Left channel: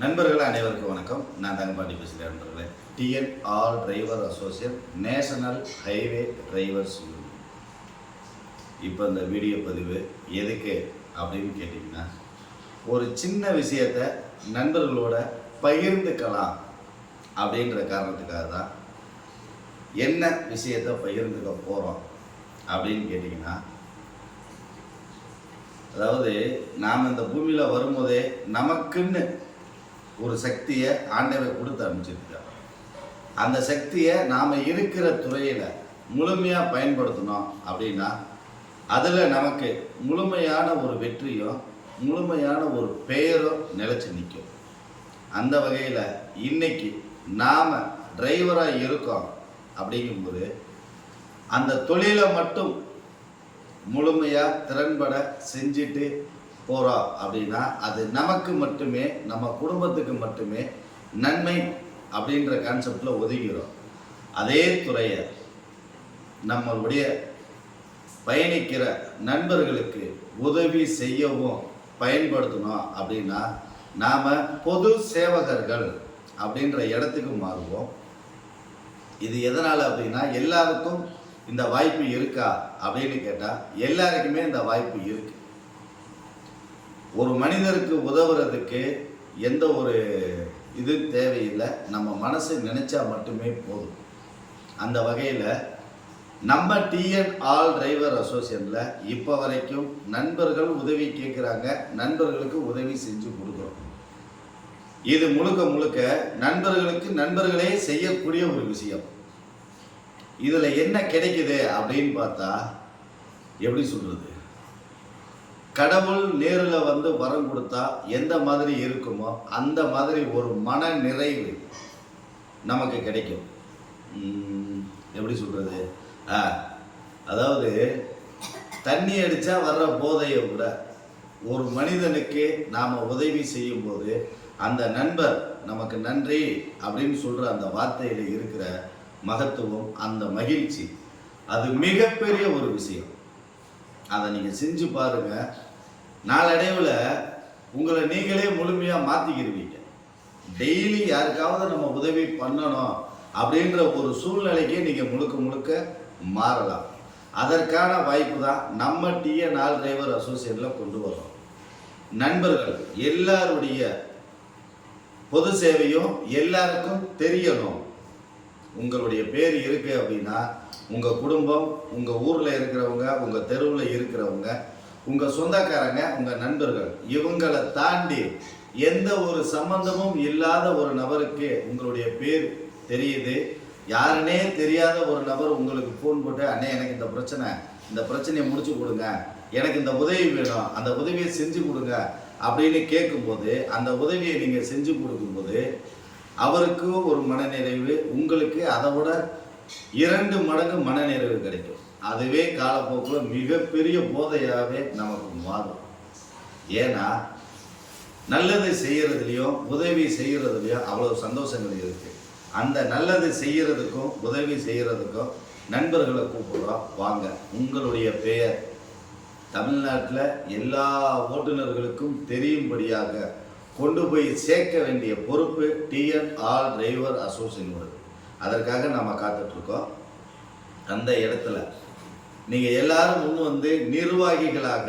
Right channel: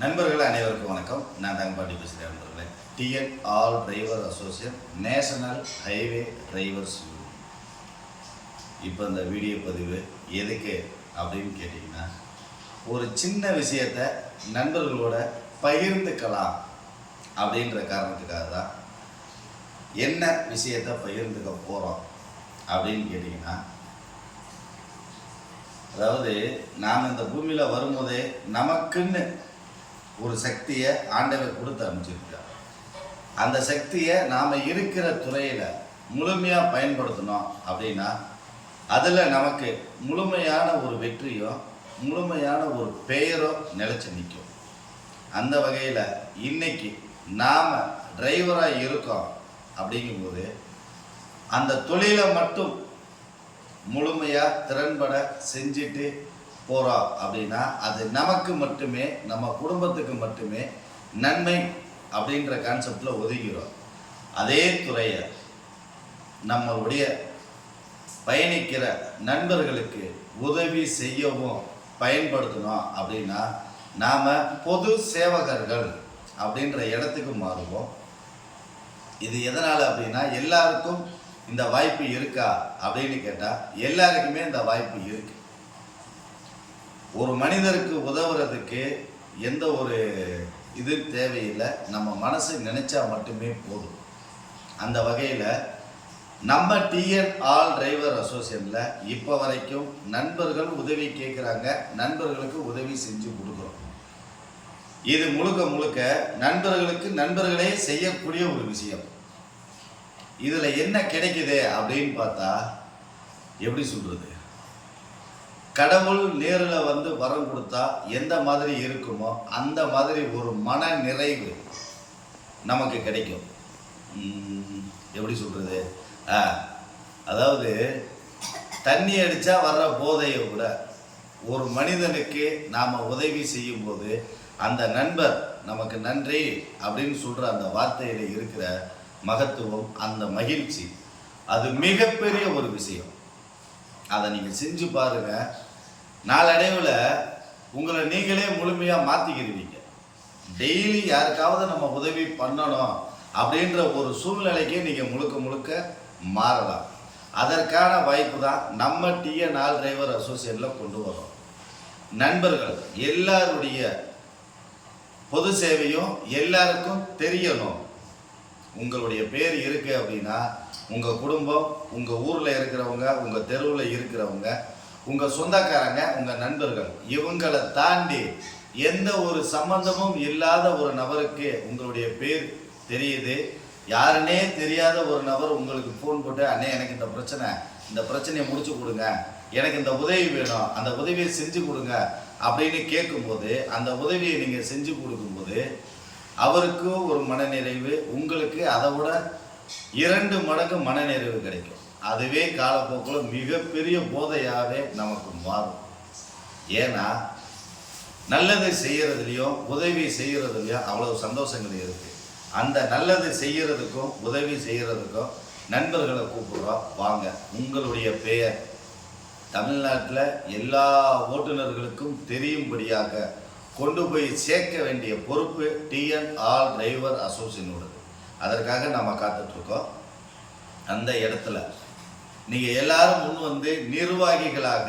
நண்பர்கள் அனைவருக்கும் வணக்கம். நான் தங்கப்பாண்டி பேசுகிறேன் நண்பர்களே. TN all driver associate national highway drivers union இப்போ இந்த வீடியோ பதிவு எதுக்கு அப்படின்னு கேட்டிங்கன்னா ஒரு சின்ன விஷயத்தை நண்பர்களோட பகிர்ந்துக்கலாம் அப்படின்ற காரணத்துக்காக தான் என்ன விஷயத்தை பகிர்ந்துக்க போகிறோம் அப்படின்னு கேட்டிங்கன்னா அதாவது நாம் இந்த பூமியில் வரும்போதே நமக்குன்னு ஒரு சக்தியை ஆண்டவர் கொடுத்து அமைச்சிருக்கார் அந்த சக்தியை நாம் இருக்கிற துறையில் முழுமையாக பயன்படுத்தணும் அப்படின்னா அதில் நமக்கு முழுமையான ஒரு வெற்றியும் முழுமையான ஒரு பெயரும் நிலச்சி நிற்கும். அந்த வகையில் இன்னைக்கு நாம் டிரைவராக இருக்கோம் அப்படிங்கும்போது அந்த தொழிலை மட்டும் முழுமையாக திறன்பட செஞ்சுட்டு போகிறோம் அப்படின்னா அது நமக்கு மட்டுமே நம்ம குடும்பத்துக்கு மட்டுமே நன்மை அப்படின்ற கான்செப்டில் ஒதுக்கிறோம். அதே துறையை நம்மளுடைய பயணிக்கிற நண்பர்களுக்கு உதவி செய்யவும் பயன்படுத்தணும் அப்படின்னா நாம் பொது சேவகர்கள் அப்படின்ற இடத்துக்கு மாறுவோம். இது எதனால் அப்படின்னா எல்லாருக்கும் இந்த வாய்ப்பு இருக்கா அப்படின்னு கேட்டால் எல்லாருக்குமே இந்த வாய்ப்பு இருக்கு. ஒரு மனிதருக்கு உதவுறதுக்கு எந்த ஒரு இது தேவையில்லை. நம்ம மனசு நினைச்சா மட்டுமே போதும். அந்த வகையில் நம்ம டிஎன் ஆல் டிரைவர் அசோசியேஷனில் இப்போ வரைக்கும் நண்பர்கள் உதவி கேட்குறாங்க நண்பர்களுக்கு உதவி செஞ்சு கொடுக்குறோம். இது முழுக்க முழுக்க நண்பர்களுக்கு நண்பர்களே செய்யக்கூடிய ஒரு விஷயம். இதில் என்ன கிடைக்குது அப்படின்னு பார்த்தா எப்படி சொல்கிறது கடவுள் நேரில் வந்து வரம் கொடுத்தா எந்த மாதிரி இருக்குமோ அந்த மாதிரி ஒரு மன நிறைவு நமக்கு கிடைக்கும். எப்படி சொல்கிறது ஆ அதாவது தண்ணி அடித்தா வர்ற போதையை விட ஒரு மனிதனுக்கு நாம் உதவி செய்யும்போது அந்த நண்பர் நமக்கு நன்றி அப்படின்னு சொல்கிற அந்த வார்த்தையில் இருக்கிற மகத்துவம் அந்த மகிழ்ச்சி அது மிகப்பெரிய ஒரு விஷயம். அதை நீங்கள் செஞ்சு பாருங்கள் நாளடைவில் உங்களை நீங்களே முழுமையாக மாற்றிக்கிடுவீங்க டெய்லி யாருக்காவது நம்ம உதவி பண்ணணும் அப்படின்ற ஒரு சூழ்நிலைக்கே நீங்கள் முழுக்க முழுக்க மாறலாம். அதற்கான வாய்ப்பு தான் நம்ம டிஏ ஆல் டிரைவர் அசோசியேஷனில் கொண்டு வரோம் நண்பர்கள் எல்லாருடைய பொது சேவையும் எல்லாருக்கும் தெரியணும். உங்களுடைய பேர் இருக்குது அப்படின்னா உங்கள் குடும்பம் உங்கள் ஊரில் இருக்கிறவங்க உங்கள் தெருவில் இருக்கிறவங்க உங்கள் சொந்தக்காரங்க உங்கள் நண்பர்கள் இவங்களை தாண்டி எந்த ஒரு சம்பந்தமும் இல்லாத ஒரு நபருக்கு உங்களுடைய பேர் தெரியுது. யாருனே தெரியாத ஒரு நபர் உங்களுக்கு ஃபோன் போட்டு அண்ணே எனக்கு இந்த பிரச்சனை இந்த பிரச்சனையை முடிச்சு கொடுங்க. எனக்கு இந்த உதவி வேணும். அந்த உதவியை செஞ்சு கொடுங்க. அப்படின்னு கேட்கும்போது அந்த உதவியை நீங்கள் செஞ்சு கொடுக்கும்போது அவருக்கு ஒரு மனநிறைவு உங்களுக்கு அதை விட இரண்டு மடங்கு மனநிறைவு கிடைக்கும். அதுவே காலப்போக்கில் மிகப்பெரிய போதையாகவே நமக்கு மாறும். ஏன்னா நல்லது செய்கிறதுலையும் உதவி செய்கிறதுலையும் அவ்வளோ சந்தோஷங்கள் இருக்குது அந்த நல்லது செய்கிறதுக்கும் உதவி செய்கிறதுக்கும் நண்பர்களை கூப்பிடுறோம். வாங்க உங்களுடைய பெயர். தமிழ்நாட்டில் எல்லா ஓட்டுநர்களுக்கும் தெரியும்படியாக கொண்டு போய் சேர்க்க வேண்டிய பொறுப்பு டிஎன் ஆல் டிரைவர் அசோசியேஷனோடது அதற்காக நம்ம காத்துட்ருக்கோம். அந்த இடத்துல நீங்கள் எல்லாரும் முன் வந்து நிர்வாகிகளாக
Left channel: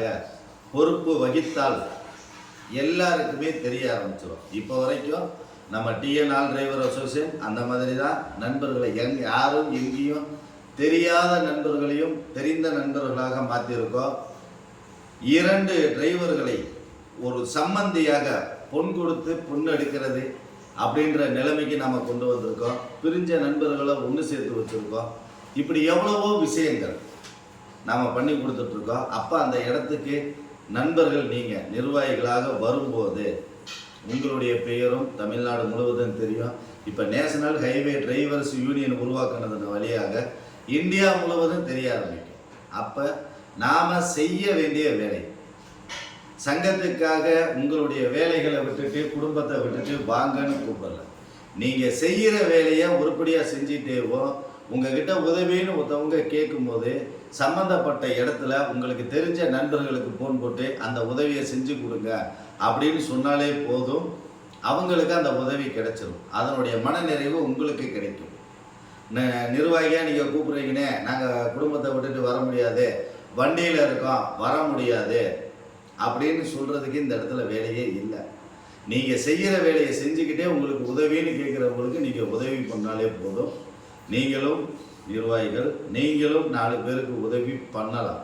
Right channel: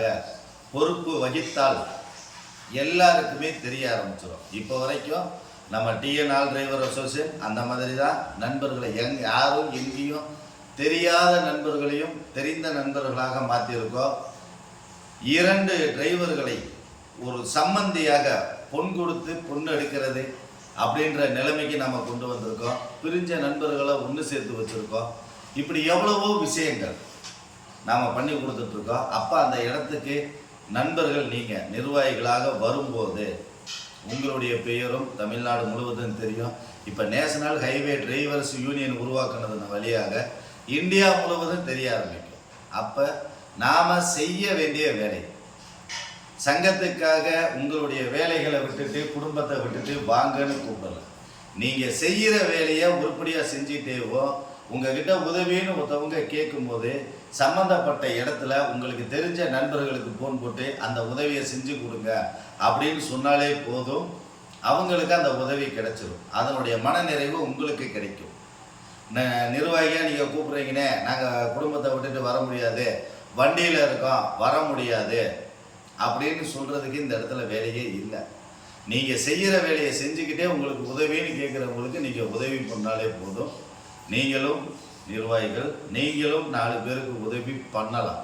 பொறுப்பு வகித்தால் எல்லாருக்குமே தெரிய ஆரம்பிச்சிடும் இப்போ வரைக்கும் நம்ம டிஎன் ஆல் டிரைவர் அசோசியேஷன் அந்த மாதிரி தான் நண்பர்களை எங் யாரும் எங்கேயும் தெரியாத நண்பர்களையும் தெரிந்த நண்பர்களாக மாற்றியிருக்கோம் இரண்டு டிரைவர்களை ஒரு சம்மந்தியாக பொன் கொடுத்து பொண்ணு எடுக்கிறது அப்படின்ற நிலைமைக்கு நாம் கொண்டு வந்திருக்கோம். பிரிஞ்ச நண்பர்களை ஒன்று சேர்த்து வச்சுருக்கோம். இப்படி எவ்வளவோ விஷயங்கள் நாம் பண்ணி கொடுத்துட்ருக்கோம். அப்போ அந்த இடத்துக்கு நண்பர்கள் நீங்கள் நிர்வாகிகளாக வரும்போது உங்களுடைய பெயரும் தமிழ்நாடு முழுவதும் தெரியும். இப்போ நேஷனல் ஹைவே டிரைவர்ஸ் யூனியன் உருவாக்குனதன் வழியாக இந்தியா முழுவதும் தெரிய ஆரம்பிக்கும். அப்போ நாம் செய்ய வேண்டிய வேலை சங்கத்துக்காக உங்களுடைய வேலைகளை விட்டுட்டு குடும்பத்தை விட்டுட்டு வாங்கன்னு கூப்பிடல. நீங்கள் செய்கிற வேலையை உருப்படியாக செஞ்சிட்டேவோ உங்ககிட்ட உதவின்னு ஒருத்தவங்க கேட்கும்போது சம்மந்தப்பட்ட இடத்துல உங்களுக்கு தெரிஞ்ச நண்பர்களுக்கு ஃபோன் போட்டு அந்த உதவியை செஞ்சு கொடுங்க அப்படின்னு சொன்னாலே போதும். அவங்களுக்கு அந்த உதவி கிடைச்சிரும். அதனுடைய மனநிறைவு உங்களுக்கு கிடைக்கும். ந- நிர்வாகியாக நீங்கள் கூப்பிட்றீங்கன்னே நாங்கள் குடும்பத்தை விட்டுட்டு வர முடியாது. வண்டியில் இருக்கோம் வர முடியாது. அப்படின்னு சொல்கிறதுக்கு இந்த இடத்துல வேலையே இல்லை. நீங்கள் செய்கிற வேலையை செஞ்சுக்கிட்டே உங்களுக்கு உதவின்னு கேட்குறவங்களுக்கு நீங்கள் உதவி பண்ணாலே போதும். நீங்களும் நிர்வாகிகள் நீங்களும் நாலு பேருக்கு உதவி பண்ணலாம்.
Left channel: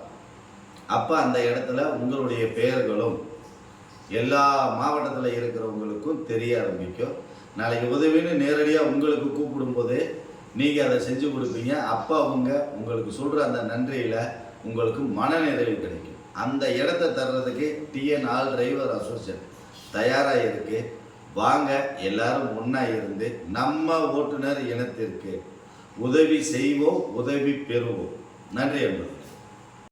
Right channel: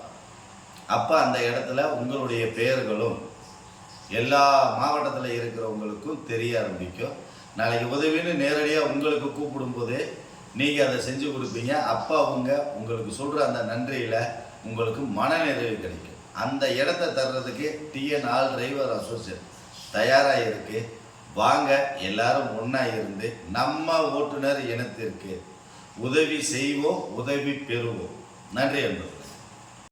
அப்போ அந்த இடத்துல உங்களுடைய பெயர்களும் எல்லா மாவட்டத்தில் இருக்கிறவங்களுக்கும் தெரிய ஆரம்பிக்கும். நாளைக்கு உதவின்னு நேரடியாக உங்களுக்கு கூப்பிடும்போதே நீங்கள் அதை செஞ்சு கொடுப்பீங்க. அப்போ அவங்க உங்களுக்கு சொல்கிற அந்த நன்றியில் உங்களுக்கு மனநிறைவு கிடைக்கும். அந்த இடத்த தர்றதுக்கு டிஎன் ஆல் டிரைவர் அசோசியேட் தயாராக இருக்குது வாங்க எல்லாரும் ஒன்றா இருந்து நம்ம ஓட்டுநர் இனத்திற்கு உதவி செய்வோம் உதவி பெறுவோம். நன்றி அன்பு.